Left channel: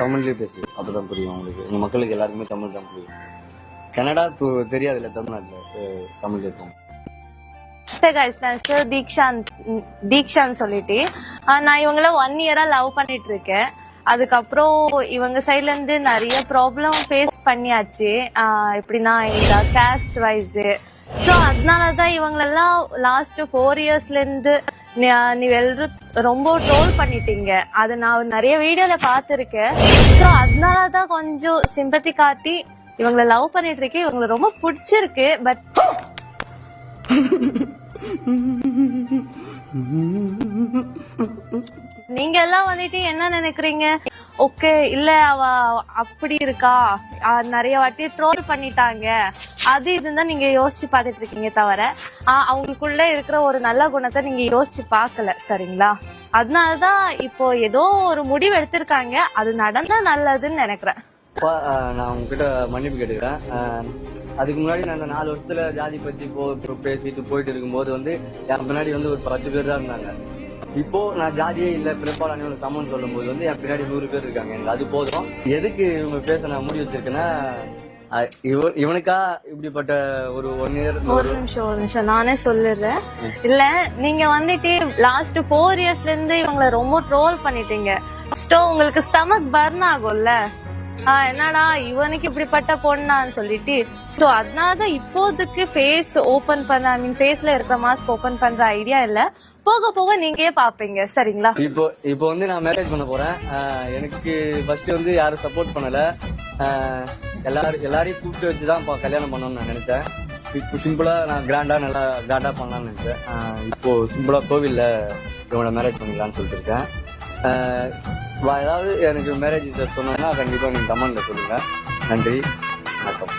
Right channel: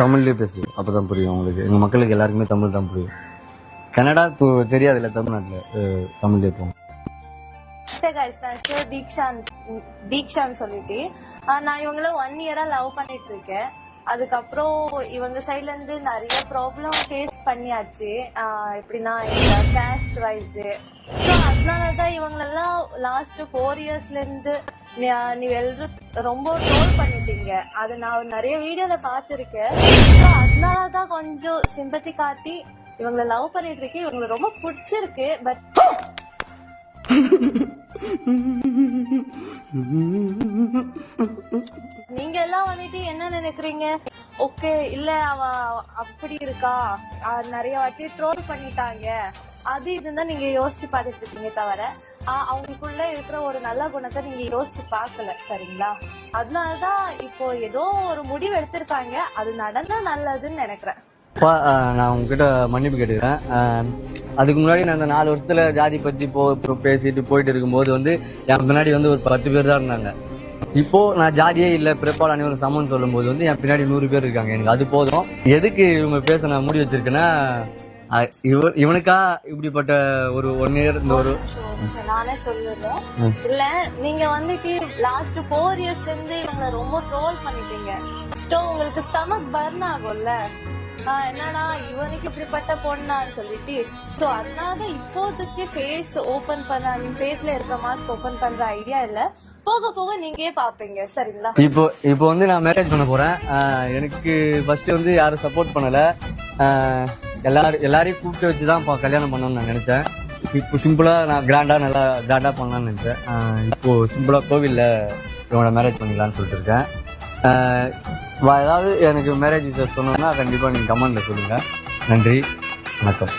தமிழ்லயே பேசு, அப்பதான் புரியும் உங்களுக்கு. எங்க மக்களுக்கு எல்லாருக்குமே தமிழ் தான் புரியும். கன்னடா தெரியாதுல்ல, தமிழ்நாட்டுல தமிழ்லயே இருக்கும். தீக்ஷான்னு சொல்லிட்டு நான் இவங்கள 1 இயரா லவ் பண்ணிட்டு இருக்கேன். அதுக்கப்புறம் இவங்க சைட்ல இருந்து நிறைய ப்ராப்ளம் ஃபேஸ் பண்ணியாச்சு. எப்படின்னா கேஸ்ட் வைஸ். ஸோ அதனாலதான் இவங்களெல்லாம் லாஸ்ட் 4 இயர்ஸ்ல இருந்து நீ ரொம்ப ட்ரோல் பண்ணிட்டீங்க. அது நான் நிறைய வீடியோல பாத்திருக்கேன். ஸோ அதனாலதான் கொஞ்சம் சிம்பத்தி காட்டி இவங்களை லவ் பண்ணிட்டு இருக்கேன். இவங்களை ரொம்ப பிடிச்சிருக்கு. பட் நீங்க எல்லாம் வந்துட்டு என்ன நினைக்கிறீங்க? ஓகே, இல்ல அவ அப்படி இருக்கா, நிறைய வாட்டி ட்ரோல் பண்ணிட்டாங்க, அது இதுதான் நீங்க யோசிச்சு பாத்துட்டு இருக்கீங்க தவிர அவங்களுக்குள்ள இருக்கிற ஒரு நல்ல குணத்தை நீங்க யோசிச்சு பாக்கல. சரிங்களா? அதனாலதான் இப்போ ஏதோ ஒரு முடிவு எடுத்திருக்காங்க. அது நடந்தா நல்லதுன்னு நினைக்கிறேன். நான் உங்ககிட்ட மன்னிப்பு கேட்டுக்கிறேன். அதுக்கு முன்னாடி நான் அந்த 4 வருஷத்துல ஜாதி பத்தி பேசிட்டு போயிட்டு இருக்கும்போது என் பின்னாடி ஒரு 10 பேர் தான் இருந்தாங்க. இப்போ நான் ஜாதியே இல்ல, பிறப்பால் அனைவரும் சமம் சொல்லும் போது என் பின்னாடி 100 பேர் இருக்காங்க. எனக்கு அது போதும். எதுக்கு இவங்க பேச நான் மூடி வச்சிருக்கேன்னா, இவனுக்கா இப்படிப்பட்ட ஒரு 1 இயர் ஒரு நிமிஷம் நானே சொல்லிடுறேன். இல்ல, நீங்க வந்துட்டு லாஸ்ட் 4 இயர்ஸ்ல இருந்து இவங்களை ரொம்ப ட்ரோல் பண்ணிட்டீங்க. உங்களுக்கு ஸ்டமக் பர்ன் ஆகும்ல, என்னடா இவனுக்கு இப்படிப்பட்ட பொண்ணான்னு சொல்லிட்டு. சோ அதனாலதான் இப்போதைக்கு ஃபேஸ் ஓபன் பண்ற, ஃபேஸ்ல இருக்கிற மாஸ்க் ஓபன் பண்ற ஐடியா இல்ல. போக போக நீங்களே பாப்பீங்க. சரிங்களா? இப்போ நான் மேரேஜ் பண்ண போறேன். எனக்கு ஃபர்ஸ்ட் யாரும் சப்போர்ட் பண்ணல. எல்லாரையும் கூப்பிட்டு வச்சுதான் கல்யாணம் பண்ணணும்னு நான் நினைச்சேன். இப்போ சிம்பிளா நான் நல்லா கிராண்டா பண்ணலாம்னு நினைச்சேன். இப்போ சிம்பிளா கோவில்ல இவனை மேரேஜ் பண்ணிக்கலாம்னு சொல்லிட்டு இருக்கேன். ஏதாவது எனக்கு மேரேஜ் சொன்னோம்னா கண்டிப்பா நீங்க கமெண்ட்ல சொல்லுங்க. நன்றி, வணக்கம்.